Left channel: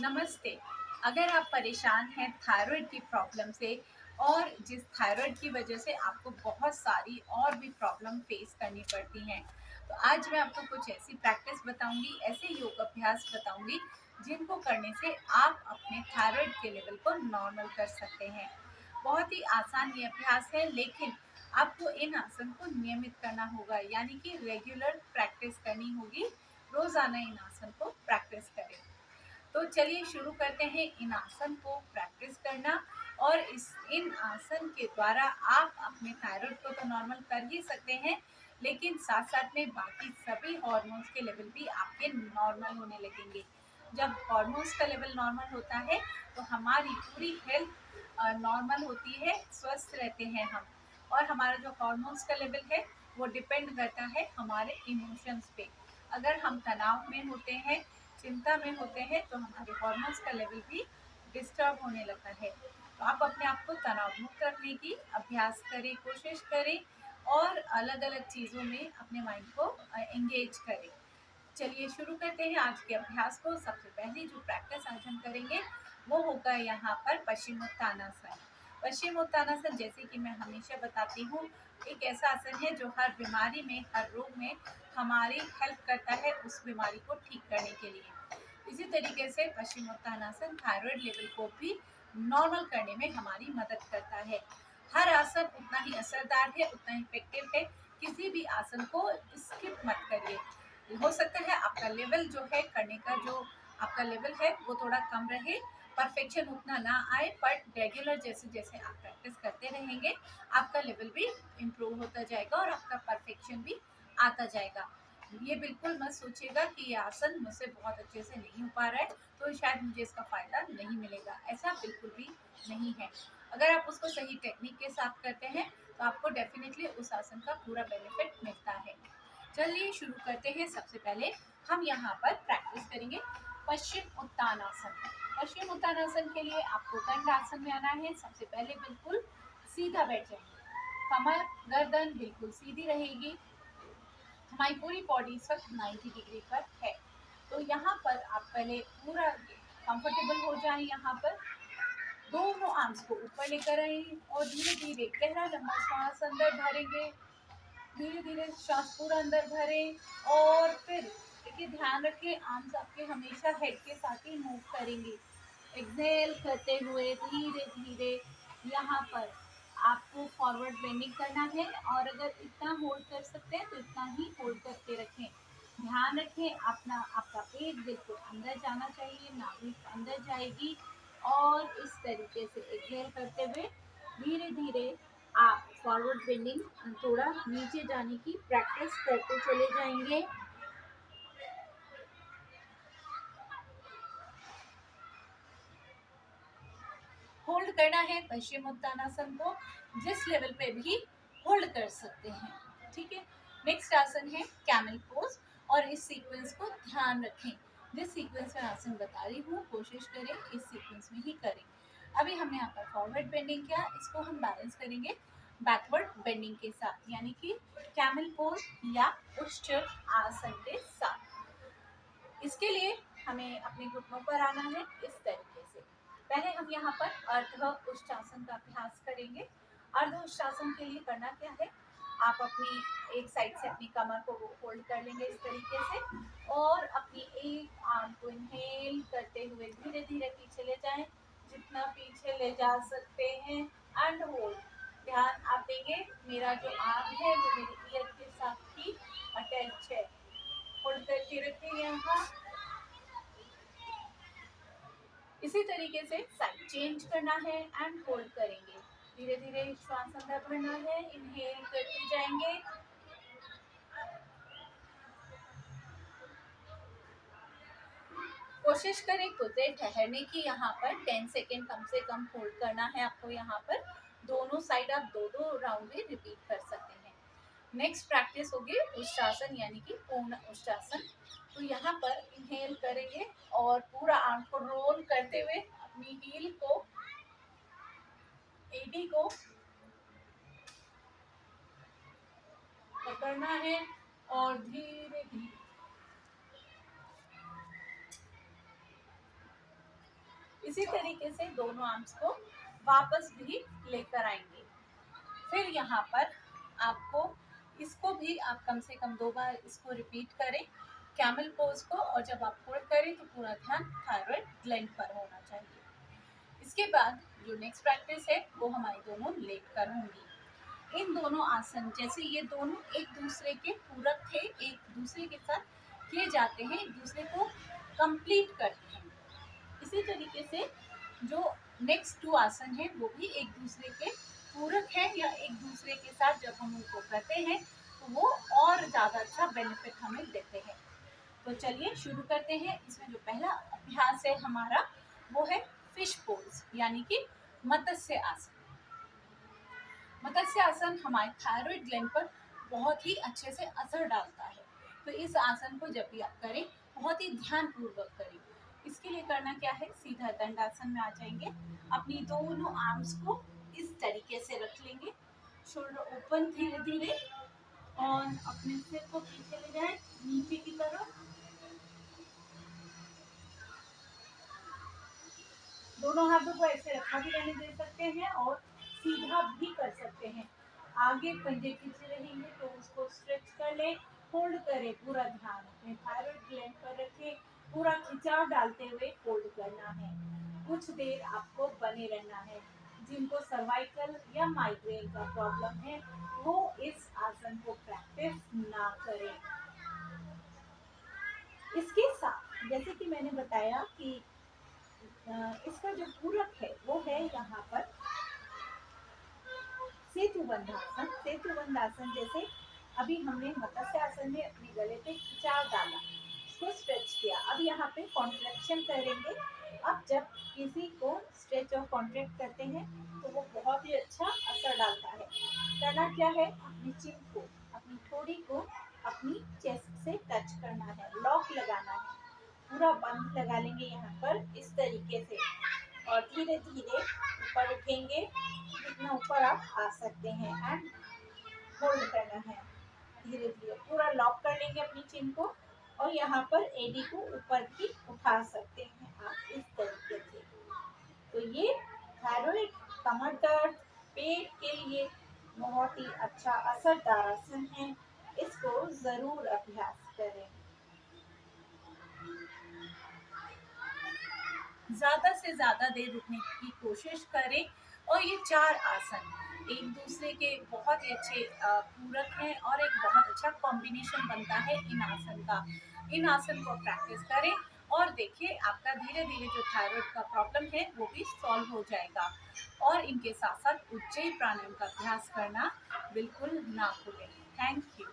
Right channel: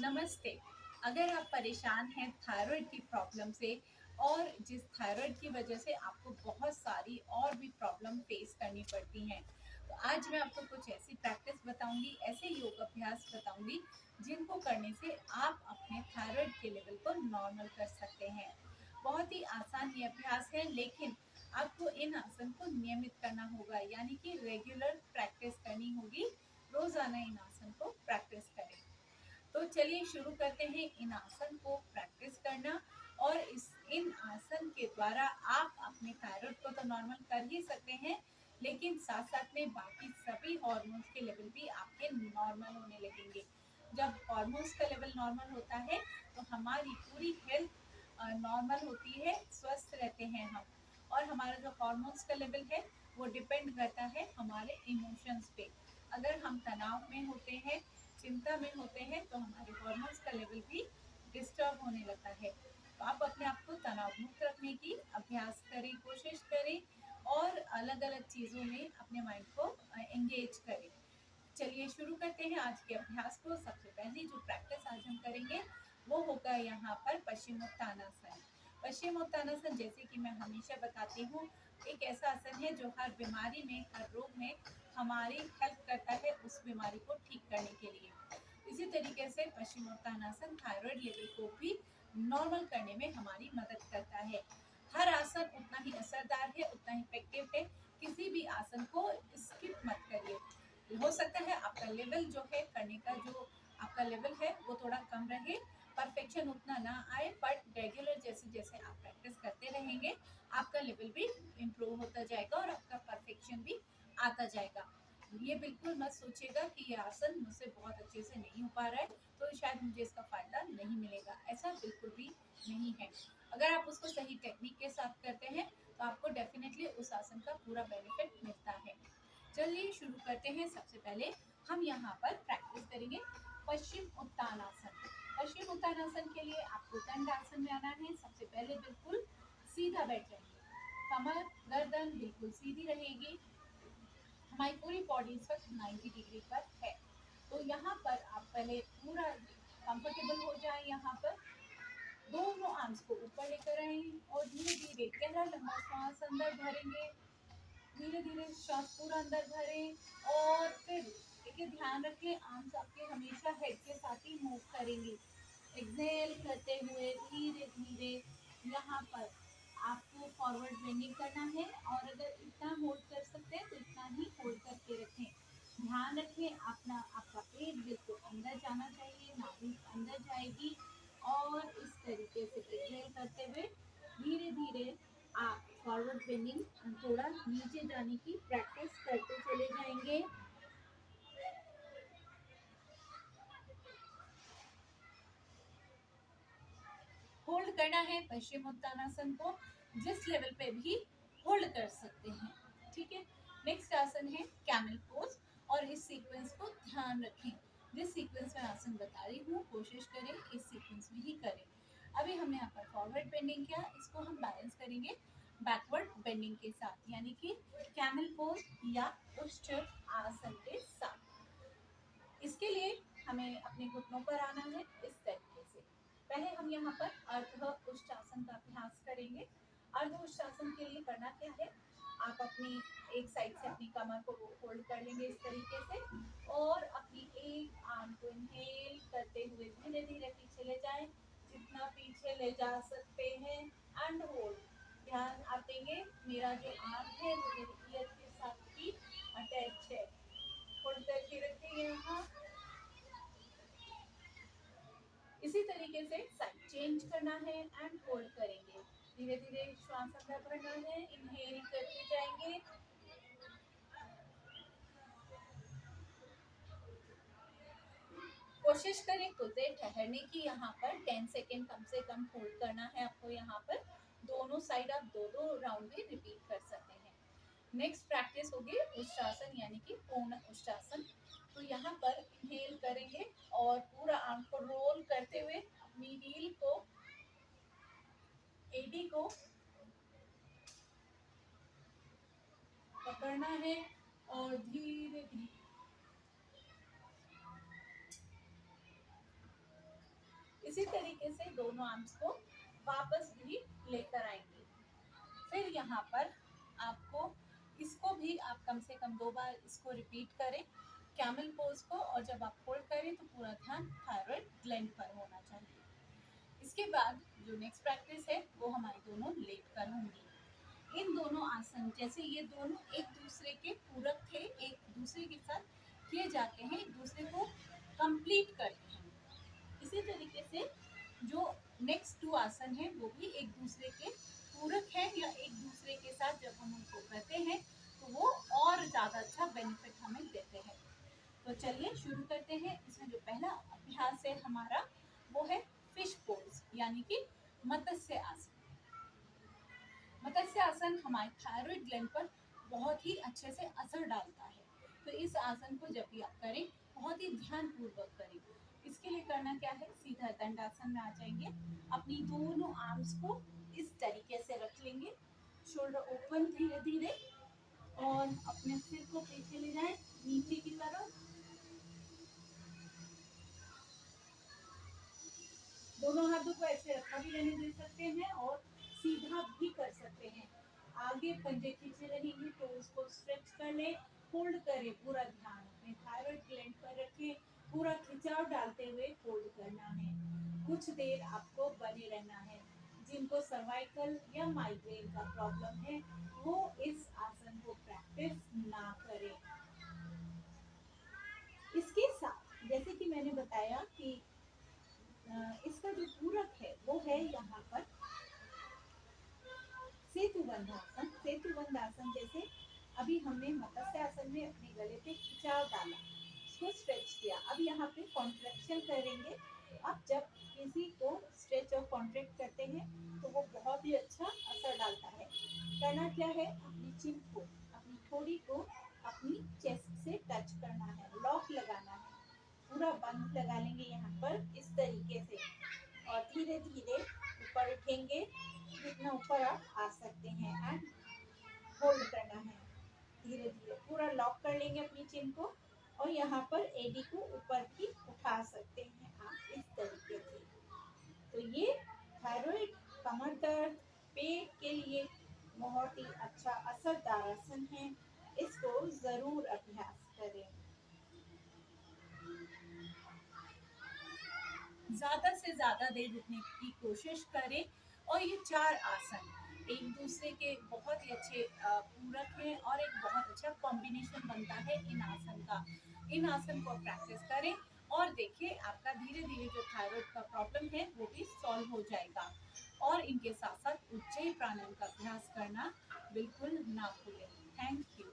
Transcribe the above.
नमस्ते। अगर आप परेशान हैं थायराइड की प्रॉब्लम से और जिस थायराइड की वजह से आपको बहुत सारी और भी प्रॉब्लम फेस करनी पड़ती हैं, तो आज मैं आपको कुछ ऐसी प्रैक्टिस बताऊंगी, ऐसे योग अभ्यास बताऊंगी जिनको करने से आप अपने थायराइड के लेवल को नॉर्मल कर सकते हैं। बहुत ही आसान ये अभ्यास है, लेकिन आपको इन आसन को नियमित करना होगा, यानी कि रेगुलर प्रैक्टिस करनी होगी। रोजाना इन आसन को प्रैक्टिस करें। तो चलिए शुरू करते हैं इन आसन को प्रैक्टिस करना। और इस इन आसन के द्वारा आप अपने थायराइड को तो नॉर्मल कर ही सकते हैं, लेकिन साथ साथ में बाकी सभी हार्मोन्स के लेवल भी आपके नॉर्मल होने लगेंगे। जब हार्मोन्स का लेवल नॉर्मल होता है तो हमारी पूरी हेल्थ नॉर्मल होती है, स्वस्थ रहते हैं हम। और हमारा जो हार्मोन्स का लेवल है वो डिपेंड करता है हमारे इमोशंस पे। अगर हम तनाव में होते हैं, चिंता में होते हैं, तो हमारे हार्मोन्स का लेवल भी डिस्टर्ब होने लगता है। तो आप अपने आप को तनाव मुक्त रखने की अभ्यास करें, कोशिश करें और अलग अलग चीज़ों में अपने माइंड को एंगेज करें। चलिए शुरू करते हैं आज के अभ्यास को। सबसे पहले जो प्रैक्टिस आज हम करेंगे वो होगा यहाँ पर पश्चिमोत्तानासन। पश्चिमोत्तानासन, जैसे कि मैं हमेशा बताती हूँ, एक ऐसा आसन है जो हर बीमारी में, हर रोग में हमारी हेल्प करता है उस बीमारी को ठीक करने के लिए। इसी तरीके से पश्चिमोत्तानासन थायराइड लेवल को भी नॉर्मल करने में हमारी मदद करता है। हर आसन उतना ही असरदार है, उतना ही इफेक्टिव है। किसी भी आसन को स्किप मत करिए। हो सकता है आपका लेवल जो है करने का, जो आपका लेवल है वो थोड़ा कम रहे, परफेक्शन उतना ना आए, बट रेगुलर जैसे जैसे आप प्रैक्टिस करते रहेंगे आपका लेवल भी इम्प्रूव होता जाएगा और आपका परफेक्शन भी आता जाएगा। ये बिल्कुल मत सोचिएगा कि ये आसन मुझसे बहुत अच्छे से नहीं हो पा रहा है तो शायद मुझे इसका फायदा नहीं मिलेगा, ऐसा बिल्कुल भी नहीं है। अगर आप उसको सही टेक्निक के साथ करते हैं तो आपको डेफिनेटली उस आसन का पूरा बेनिफिट मिलता है। चलिए शुरू करते हैं। सबसे पहले हम यहाँ पर प्रैक्टिस करेंगे पश्चिम उत्तानासन। पश्चिम उत्तानासन के लिए आपको दंडासन में आना है। सबसे पहले बिल्कुल सीधा बैठ जाएंगे, कमर गर्दन बिल्कुल सीधी रहेगी, हमारी पूरी बॉडी इस वक्त 90 डिग्री पर है। तो यहाँ पर आप पहले पूरा कंफर्टेबल हो जाएं। यहाँ पर दोनों आर्म्स को ऊपर लेकर आए और धीरे धीरे गहरा लंबा श्वास अंदर भरेंगे। धीरे धीरे श्वास पूरा अंदर भरें और फिर देखिए, ध्यान रखिए आर्म्स आपके हमेशा हेड के साथ ही मूव करेंगे। एक्सहेल करते हुए धीरे धीरे यहाँ पर आपको फॉरवर्ड बेंडिंग करना है और अगर इतना होल्ड कर सकते हैं तो इतना ही होल्ड करके रखें। ध्यान रखें अपना, आपका पेट बिल्कुल अंदर जाना चाहिए, नाभि अंदर जाएगी। और इस तरीके से एक्सहेल करते हुए धीरे धीरे आप फॉरवर्ड बेंडिंग थोड़ा नीचे जाने की प्रैक्टिस करते चले जाएंगे। होल्ड करना है पश्चिमोत्तानासन को, जिस लेवल पे भी होल्ड कर सकते हैं। ठीक है। नेक्स्ट आसन है कैमल पोज और इस सीक्वेंस को ध्यान रखें। जिस सीक्वेंस में आसन बता रही हूँ कोशिश करें इस सीक्वेंस में ही करें। अभी हमने यहाँ पर फॉरवर्ड बेंडिंग किया, इसको हम बैलेंस करेंगे बैकवर्ड बेंडिंग के साथ, यानी कि कैमल पोज या उष्ट आसन के साथ। इसके लिए हमें अपने घुटनों पर आना है इस तरीके से। पहले हम यहाँ पर अर्ध उष्टासन का अभ्यास करेंगे। अर्ध उष्टासन के लिए करना क्या है, आप अपनी एक साइड से अपनी कमर को होल्ड कर लेंगे इस तरीके से और अपनी एक आर्म को इनहेल करते हुए धीरे धीरे पीछे ले जाएं, जितना पीछे ले जा सकते हैं, एंड होल्ड। ध्यान आप देंगे मेरा जो आर्म है वो मेरी ईयर के साथ ही अटैच है। होल्ड करके रखें यहाँ। इसी तरीके से साइड चेंज करना है एंड होल्ड करेंगे। धीरे धीरे श्वास अंदर भरना है, इनहेल करते जाएंगे। कोशिश करें खुद से ठहरने की। यहाँ पर 10 सेकेंड कम से कम होल्ड करना है आपको। यहाँ पर दोनों साइड आप दो दो राउंड भी रिपीट कर सकते हैं। नेक्स्ट प्रैक्टिस होगी उष्टासन, यानी कि पूर्ण उष्टासन। तो यहाँ पर इनहेल करेंगे और पूरा आर्म को रोल करते हुए अपनी हील को, एडी को पकड़ना है और धीरे धीरे इसी तरीके से दोनों आर्म्स को वापस भी लेकर आएंगे। फिर यहाँ पर आपको इसको भी आप कम से कम 2 बार इसको रिपीट करें, कैमल पोज को, और जब आप होल्ड करें तो पूरा ध्यान थायराइड ग्लैंड पर होना चाहिए। इसके बाद जो नेक्स्ट प्रैक्टिस है वो हमारी दोनों लेट कर होंगी। इन दोनों आसन जैसे ये दोनों एक दूसरे के पूरक थे, एक दूसरे के साथ किए जाते हैं, एक दूसरे को कंप्लीट करते हैं। इसी तरीके से जो नेक्स्ट 2 आसन है वो भी एक दूसरे के पूरक है, या एक दूसरे के साथ जब हम उनको करते हैं तो वो और ज़्यादा अच्छा बेनिफिट हमें देते हैं। तो चलिए शुरू करते हैं। इसमें जो पहला अभ्यास है हमारा वो है फिश पोज, यानी कि मत्स्य आसन। मत्स्य आसन हमारे थायराइड ग्लैंड पर बहुत ही अच्छे से असर डालता है। तो इस आसन को जब भी आप करें बहुत ही ध्यान पूर्वक करें। इसके लिए करना क्या है, सीधा दंडासन में आ जाएंगे, अपनी दोनों आर्म्स को इस तरीके से रख लेंगे, शोल्डर ओपन धीरे धीरे, और अपने सिर को पीछे ले जाएं नीचे की तरफ। दोनों हाथों को ऐसे रखा भी रहने दे सकते हैं और सीधा भी कर सकते हैं। आगे पंजे खींचे रहेंगे तो उसको स्ट्रेच कर ले, होल्ड करें, पूरा ध्यान अपने थायराइड ग्लैंड पर रखें, पूरा खिंचाव डालते हुए होल्ड करना है। कुछ देर आपको बने रहना है। जिनको सर्वाइकल या माइग्रेन का प्रॉब्लम है वो इस आसन को प्रैक्टिस ना करें। इसके साथ जैसे कि मैंने बताया कि इसका जो पूरक है वो है यहाँ पर सेतु बंधासन। सेतु बंधासन जैसे अभी हमने मत्स्य आसन में अपने गले पे खिंचाव डाला, इसको स्ट्रेच किया, अब यहाँ पे कॉन्ट्रैक्शन करेंगे। अब जब किसी को स्ट्रेच और कॉन्ट्रैक्ट करते हैं तो वो बहुत ही अच्छा असर डालता है। करना क्या है, अपनी चिन को, अपनी थोड़ी को अपनी चेस्ट से टच करना है, लॉक लगाना है, पूरा बंद लगा लेंगे यहाँ पर इस तरीके से, और धीरे धीरे ऊपर उठेंगे जितना ऊपर आप आ सकते हैं, एंड होल्ड करना है। धीरे धीरे पूरा लॉक कर लेंगे अपनी चिन को, और यहाँ पर एडी को ऊपर भी उठा सकते हैं आप इस तरीके से। तो ये थायराइड, कमर दर्द, पेट के लिए बहुत ही अच्छा असरदार आसन है। इसको जरूर अभ्यास करें। ज़्यादा से ज़्यादा देर रुकने की कोशिश करें। और ये 4 आसन एक दूसरे के बहुत ही अच्छे पूरक हैं, और एक बहुत अच्छा कॉम्बिनेशन बनता है इन आसन का। इन आसन को प्रैक्टिस करें और देखिए आपका धीरे धीरे जो थायराइड का प्रॉब्लम है वो भी सॉल्व हो जाएगा। और इनके साथ साथ उज्जयी प्राणायाम का अभ्यास करना बिल्कुल ना भूलें। Thank you.